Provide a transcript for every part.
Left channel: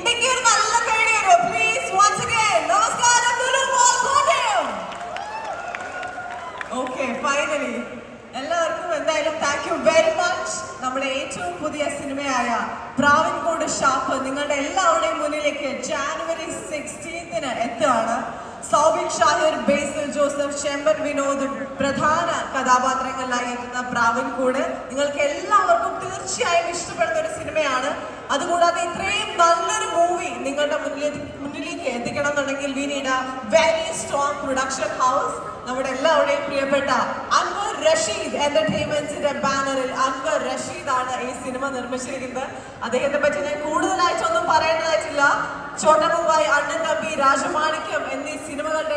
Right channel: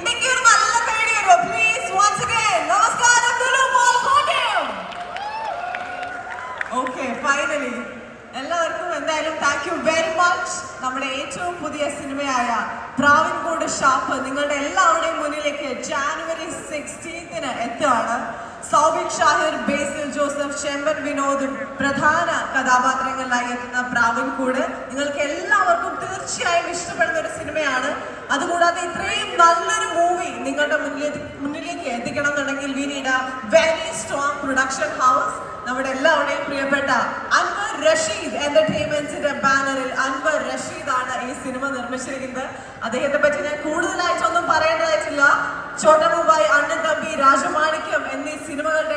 ഇന്ത്യക്ക് ഒരു നല്ല പേടി വരും. Please once again നമസ്കാരം ലുലു മോൾ കോട്ടയം. Okay, finally എല്ലാവർക്കും എന്തായാലും താങ്ക് യു വെരി മച്ച്. നമ്മുടെ ഏറ്റവും പുതിയ സിനിമയായ പ്രാവിൻകൂട് ഷാപ്പ് നിങ്ങളുടെ എല്ലാവരുടെയും മുന്നിലേക്ക് ജാനുവരി 16 എത്തുകയാണ്. സൗബിക് ഷാഹിർ, ബേസിൽ ജോസഫ്, ചെമ്പൻ വിനോദും പ്രധാന കഥാപാത്രങ്ങളിലായി എത്തുന്ന പ്രാവിൻകൂട് നിങ്ങൾക്ക് എല്ലാവർക്കും തീർച്ചയായും ഇഷ്ടപ്പെടുന്ന ഒരു സിനിമയാണ്. അതുകൂടാതെ ഇത്രയും നല്ലൊരു മൂവി നിങ്ങളുടെ മുന്നിലേക്ക് എത്തിക്കണം എന്നുണ്ടെങ്കിൽ we need A very strong production house. നമ്മുടെ എല്ലാവരുടെയും പ്രിയപ്പെട്ട അൻവർ റഷീദ് എന്റർടൈൻമെന്റ്സിന്റെ ബാനറിൽ അൻവർ റഷീദ് ആണ് ഈ സിനിമ നിർമ്മിച്ചിരിക്കുന്നത്. അദ്ദേഹത്തെ പറ്റി ഞാൻ കൂടുതലായിട്ടൊന്നും പറയേണ്ടതായിട്ടില്ല. ചോട്ടാ മുംബൈ, അണ്ണൻ തമ്പി, രാജമാണിക്യം എന്നീ സിനിമകളുടെ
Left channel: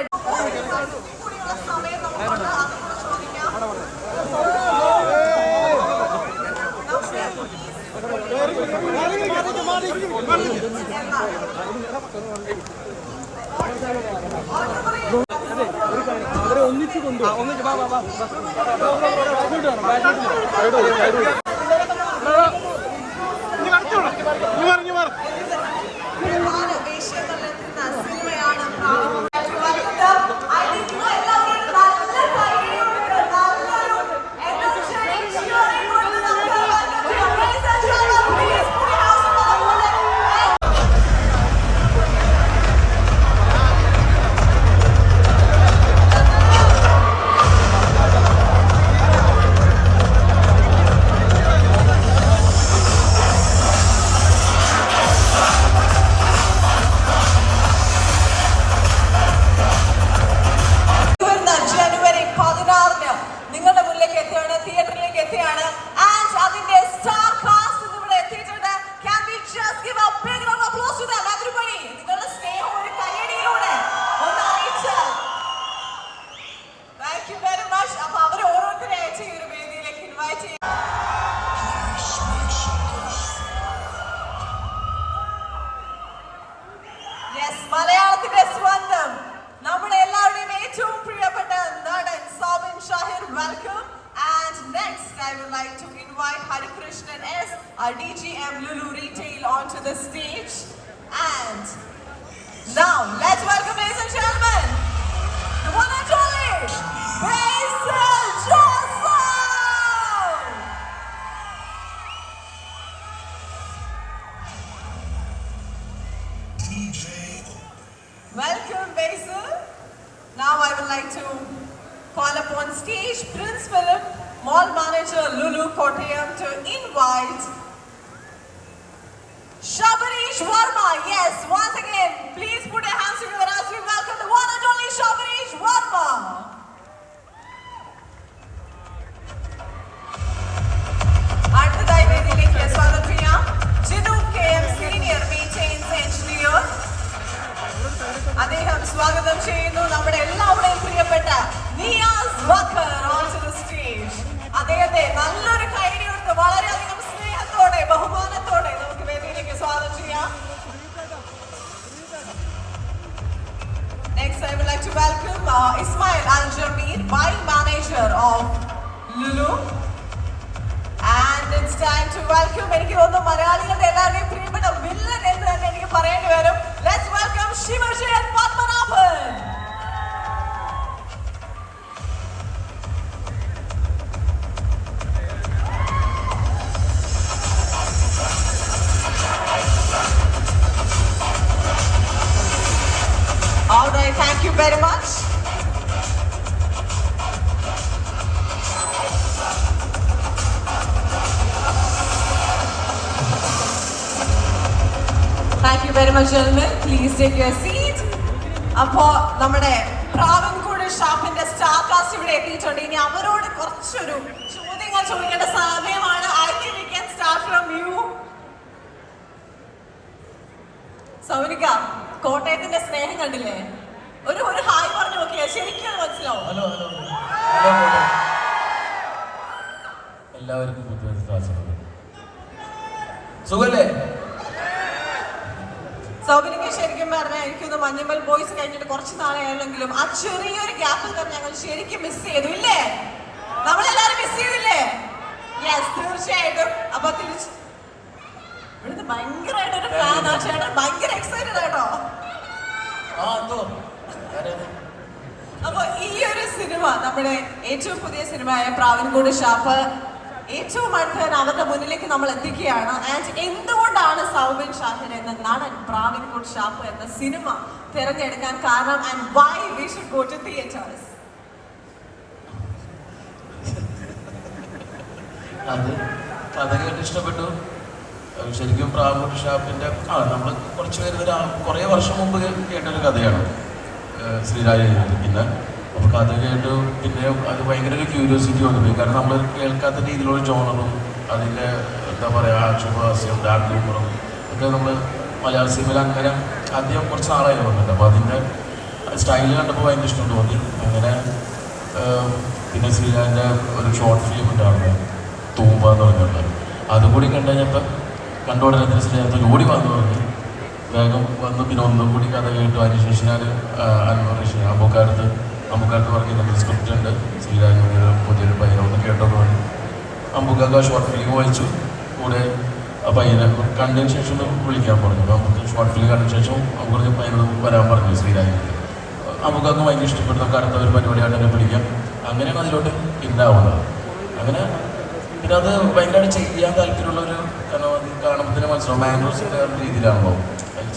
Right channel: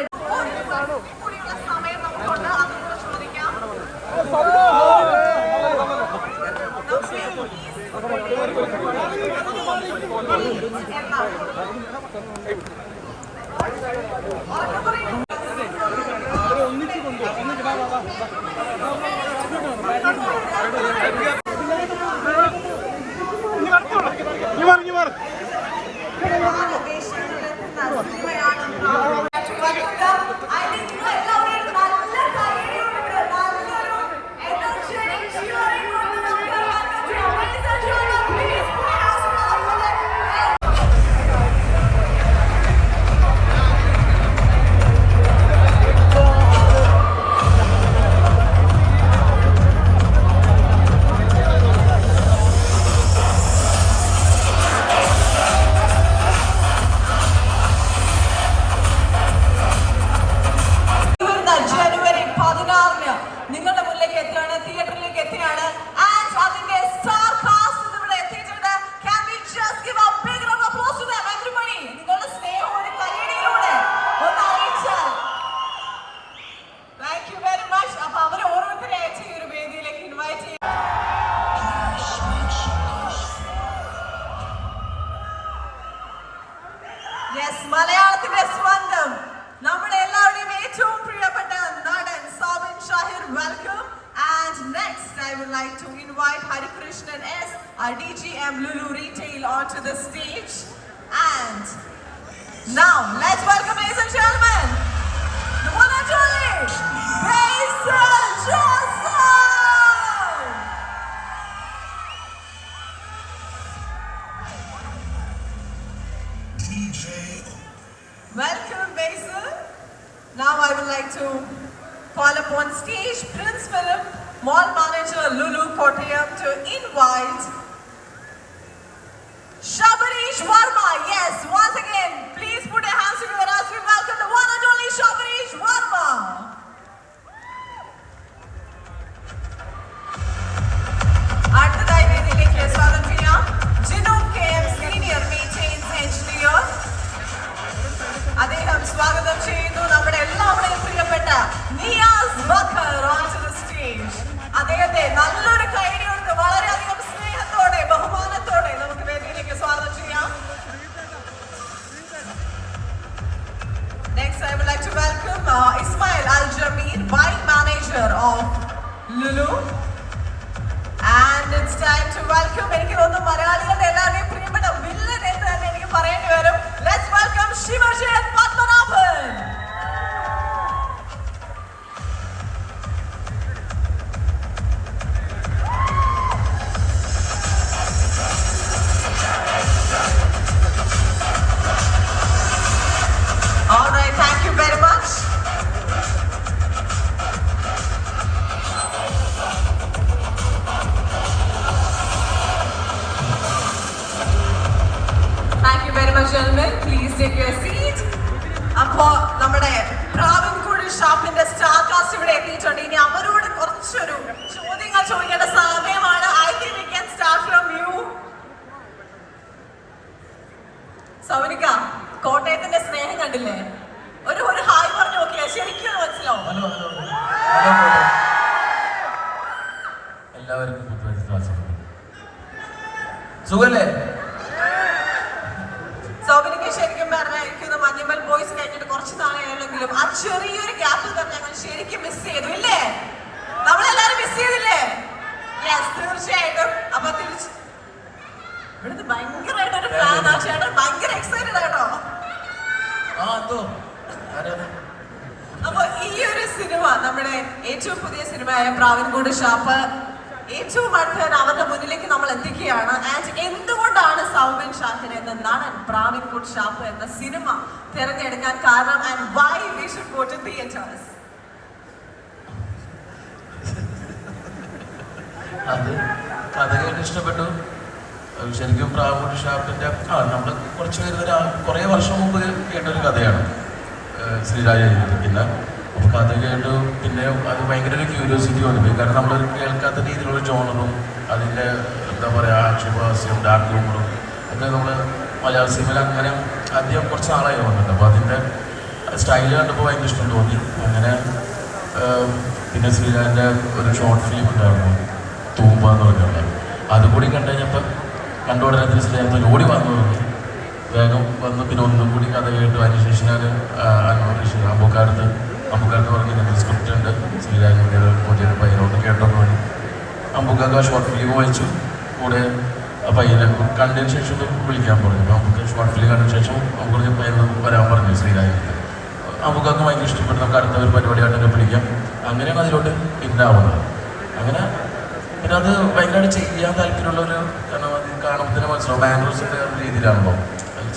മലയാളത്തിന്റെ സ്വന്തം നമ്മുടെ എല്ലാവരുടെയും ഏറ്റവും പ്രിയപ്പെട്ട നടൻ Soubin Shahir, welcome. And next I would like to invite Harikrishnan S, our DGM Lulu Retail, onto the stage. And now let's welcome, ladies and gentlemen, the one and only Basil Joseph. Welcome, Basil. Now I would like to call upon stage Prince Philip, Mall Manager Lulu Kottayam, to invite Shabarish Verma. Yes, once again, please put your hands together as we welcome the one and only Shabarish Verma. അടുത്തതായി വേദിയിലേക്ക് സ്വാഗതം ചെയ്യാം Jinu KM, Senior Maintenance Engineer. അദ്ദേഹം സ്വാഗതം ചെയ്യുന്നു നമ്മുടെ എല്ലാവരുടെയും പ്രിയപ്പെട്ട Niyas Backer onto the stage. അദ്ദേഹത്തെ നല്ലൊരു കൈയടി കൊടുത്ത് വളരെയധികം സ്നേഹത്തോടെ ബഹുമാനത്തോടെ നമുക്ക് വേദിയിലേക്ക് സ്വാഗതം ചെയ്യാം. Next I would like to welcome Ismail Al-Jamir, Buying Manager of Lulu. And it's time to welcome, എനിക്ക് തോന്നുന്നു മലയാളികളുടെ എല്ലാവരുടെയും പ്രിയപ്പെട്ട വില്ലൻ എന്ന് തന്നെ എനിക്ക് പറയേണ്ടി വരും. Let's welcome Shivajan Padmanabhan. All right, thank you very much. Very much, gentlemen. Please take your seat. അപ്പോൾ നമ്മുടെ പ്രാവിൻകൂട് ഷാപ്പിന്റെ സ്റ്റാർ കാസ്റ്റ് ഇവിടെ എത്തിയിട്ടുണ്ട്. ഇനി അവരോട് കുറച്ചൊരു ചോദ്യങ്ങൾ ചോദിക്കേണ്ട സമയമാണ്. I think we can start from you. സൗനിക, കോട്ടയത്തിന്റെ സ്നേഹം കണ്ടില്ലേ? ഒരു ഹായ് പറഞ്ഞു നോക്കിയാ ശരിക്കും മനസ്സിലാവും. ഹലോ എല്ലാവർക്കും സുഖല്ലേ? സൗബിനിക്ക് ശരിക്കും പറഞ്ഞാൽ എനിക്കൊന്ന് മഞ്ഞുമൽ ബോയ്സ് കഴിഞ്ഞിട്ട് കുറച്ച് നാളെയാണെങ്കിലും ആ ചെറിയൊരു ഗ്യാപ്പിൽ തന്നെ ഞങ്ങൾ ശരിക്കും മിസ് ചെയ്തു, ഇല്ലേ? നമ്മളെല്ലാരും മിസ് ചെയ്തില്ലേ? യെസ്, തീർച്ചയായിട്ടും. അപ്പൊ തിരിച്ച് ഭയങ്കരമായിട്ടൊരു ഫാൻ ആ ചേട്ടൻ, ഭയങ്കര എക്സൈറ്റഡ് ആട്ടോ. അപ്പൊ ഈ ഒരു സിനിമ, നമ്മുടെ ഏറ്റവും പുതിയ സിനിമയായ പ്രാവിൻകൂട് ഷാപ്പ് ഏറ്റവും അടുത്ത് അവരുടെ മുന്നിലേക്ക് നമ്മൾ എത്തിക്കുകയാണ്. ആൻഡ് എന്തുകൊണ്ടാണ് സൗബിൻ ഷാഹിർ എന്ന നടൻ പ്രാവിൻകൂട് ഷാപ്പ് എന്ന സിനിമ തിരഞ്ഞെടുക്കാൻ കാരണം, and why we should go to theatres? അത് കഥ കേട്ട് ഇഷ്ടപ്പെട്ടു. ശരിക്കും പ്രാവിൻകൂട് ഷാപ്പിന്റെ നമ്മൾ കുറച്ച് പേര് കുറേ വർഷം മുമ്പ് കേട്ടൊരു കഥയാണ് ശ്രീരാജ് എഴുതിയിരിക്കുന്ന. അപ്പോൾ കഥ കേട്ടു, പിന്നെ അത് ഭയങ്കര ഒരു ക്യൂരിയോസിറ്റി വന്നു. കാരണം നമ്മൾ കേൾക്കാത്ത രീതിയിലുള്ള ജോണറും അതിൻ്റെ എന്താ പറയുക ആക്ഷേപഹാസ്യം, ഡാർക്ക് ഹ്യൂമറും ഒക്കെ നമ്മൾ മലയാള സിനിമയിൽ അങ്ങനെ ആദ്യം കുറച്ച് നാളായി വന്നിട്ടുണ്ട്. അപ്പോൾ അതിൻ്റെ സ്റ്റൈല് കണ്ടപ്പോൾ ഭയങ്കര ഇഷ്ടം തോന്നി. അങ്ങനെ പിന്നെ ശ്രീരാജിൻ്റെ ഒരു ഷോർട്ട് ഫിലിം ഉണ്ടായിരുന്നു തൂമ്പ എന്ന് പറഞ്ഞിട്ടുള്ളത്. അതുകൂടി കണ്ടു കഴിഞ്ഞപ്പോൾ കണ്ടുകൊണ്ടിരുന്ന ശ്രീരാജ് ഓടി വന്നു തോന്നി, വേഗം വന്നു. പിന്നെ ഒന്നും കൂടി കഥ കേട്ടു. അതിനുശേഷം ഞാൻ അമ്പുക്കാലത്ത് പറഞ്ഞ സ്ക്രിപ്റ്റ് ഉണ്ട് ശ്രീരാജിൻ്റെ പുതിയൊരു പയ്യനോട് കേട്ടോന്ന് പറഞ്ഞു. അമ്പുക്കാർക്ക് ആ ഷോർട്ട് ഫിലിം വായിച്ചു. കൂടെ ആ പയ്യനെ കണ്ടതിന് ശേഷം വിളിക്കാൻ പറഞ്ഞു. അപ്പോൾ നമുക്ക് ഷോർട്ട് ഫിലിം കണ്ടതിന് ശേഷം നമുക്ക് പയ്യനോട് വരാൻ പറഞ്ഞു ശ്രീരാജിന്. അമ്പുക്കാർക്ക് ഭയങ്കര ഇഷ്ടപ്പെട്ടു. നമുക്ക് അടുത്ത ഒരു പരിപാടിയായിട്ട് പിടിക്കാം. അങ്ങനെയാണ് അതിലോട്ട് ഇന്നാവുന്നത്. അങ്ങനെ പിന്നെ അത് ഭയങ്കരമായിട്ട് ചെയ്യാൻ താല്പര്യമുള്ളൊരു, കാരണം അത് കാണുമ്പോൾ തന്നെ മനസ്സിലാവും മാനൂസിൻ്റെ രീതിയിലാണല്ലോ.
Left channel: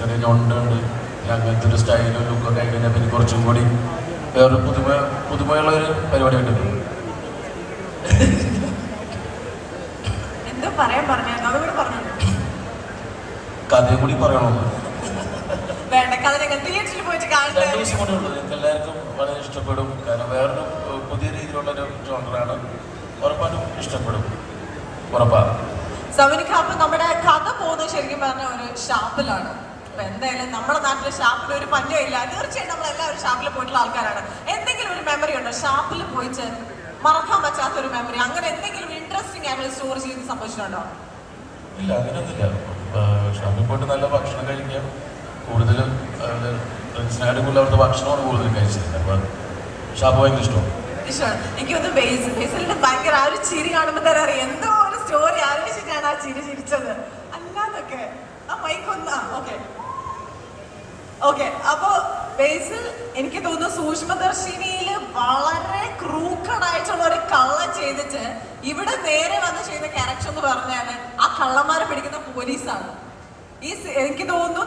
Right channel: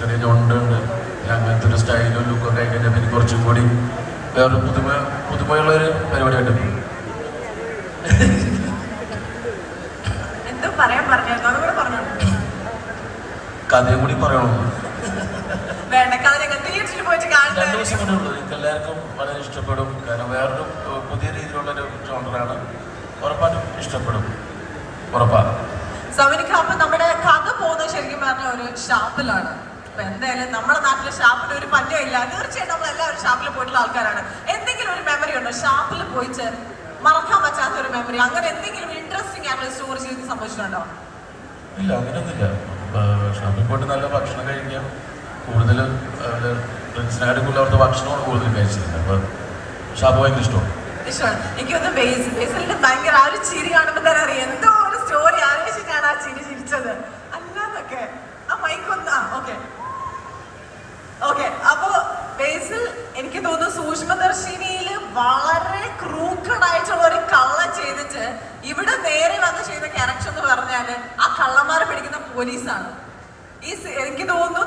ചെറിയ ജോണ്ടുണ്ട്, അങ്ങനത്തെ ഒരു സ്റ്റൈലും ലുക്കൊക്കെ ആയി കഴിഞ്ഞാൽ പിന്നെ കുറച്ചും കൂടി വേറൊരു പുതുമയുള്ളൊരു പരിപാടിയായിട്ട് കഥയും കൂടി പറയണോ? 2 ദിവസം കൊണ്ടേ ഉള്ളൂ. നിങ്ങൾക്ക് എല്ലാവർക്കും വളരെ ഇഷ്ടപ്പെടും. കാരണം വേറൊരു പുതിയ രീതിയിലുള്ളൊരു ജോണറാണ്. ഉറപ്പായിട്ടും ഇഷ്ടപ്പെടും, ഉറപ്പാണ്. സൗബിനിക്കാപ്പ് നമ്മുടെ കഥ പോകുന്നത് ശരിക്കും പറഞ്ഞ ഒരു ഷാപ്പിലാണ്. അപ്പൊ എന്തായാലും നമ്മുടെ നാട്ടിലെ ഷാപ്പിൽ ഒരു പഞ്ഞം ഇല്ല. തീർച്ചയായിട്ടും നമ്മൾ എല്ലാവരും ഷാപ്പിൽ പോയിട്ടുള്ള ആൾക്കാരാണ്. എന്തെങ്കിലും ഒരു മെമ്മറി ഉണ്ടോ ഷാപ്പിൽ പോയിട്ട് മറക്കാൻ പറ്റാത്ത ഒരു മെമ്മറി? അങ്ങനെ എന്തെങ്കിലും ഇൻട്രസ്റ്റിംഗ് ആയിട്ടുള്ള സ്റ്റോറി ചെയ്ത് സംഭവിച്ചിട്ടുണ്ടോ? ഇല്ല, അങ്ങനെയൊന്നുമില്ല. ഷാപ്പിൽ പോയിട്ട് നല്ല ഭക്ഷണം കഴിക്കാം. കൂടുതൽ ഫ്രണ്ട്സിനായിരിക്കും അവരുടെ ഭക്ഷണമാണ് കൂടുതൽ കഴിച്ചിട്ടുണ്ട്. അപ്പോൾ ഷാപ്പ് ഭയങ്കര ഇഷ്ടമാണ്. എനിക്കൊന്ന് ബേസിലിന്റെ ഭയങ്കര ആ ഒരു ചിരി കാണുമ്പോൾ തന്നെ അറിയാം എന്തോ ഒരു സ്റ്റോറി ആലോചിച്ചിട്ടാണ് ആ ചിരി ചിരിച്ചത്. അല്ലാതൊക്കെ ആ മൈക്കൊന്ന് ഓക്കെ. അപ്പൊ ബേസിൽ എനിക്ക് തോന്നുന്നു സൂക്ഷ്മദർശിനിയിൽ വളരെ ക്രൂക്കഡ് ആയിട്ടുള്ള ഒരു കള്ളം ചെയ്തിട്ട് ഇവിടെ നേരെ വന്ന് ചെയ്ത ക്യാരക്ടർ എന്ന് പറഞ്ഞാല് ആ കള്ളന്മാരെ പിടിക്കുന്ന പോലീസാണ്. എനിക്ക് തോന്നുന്നു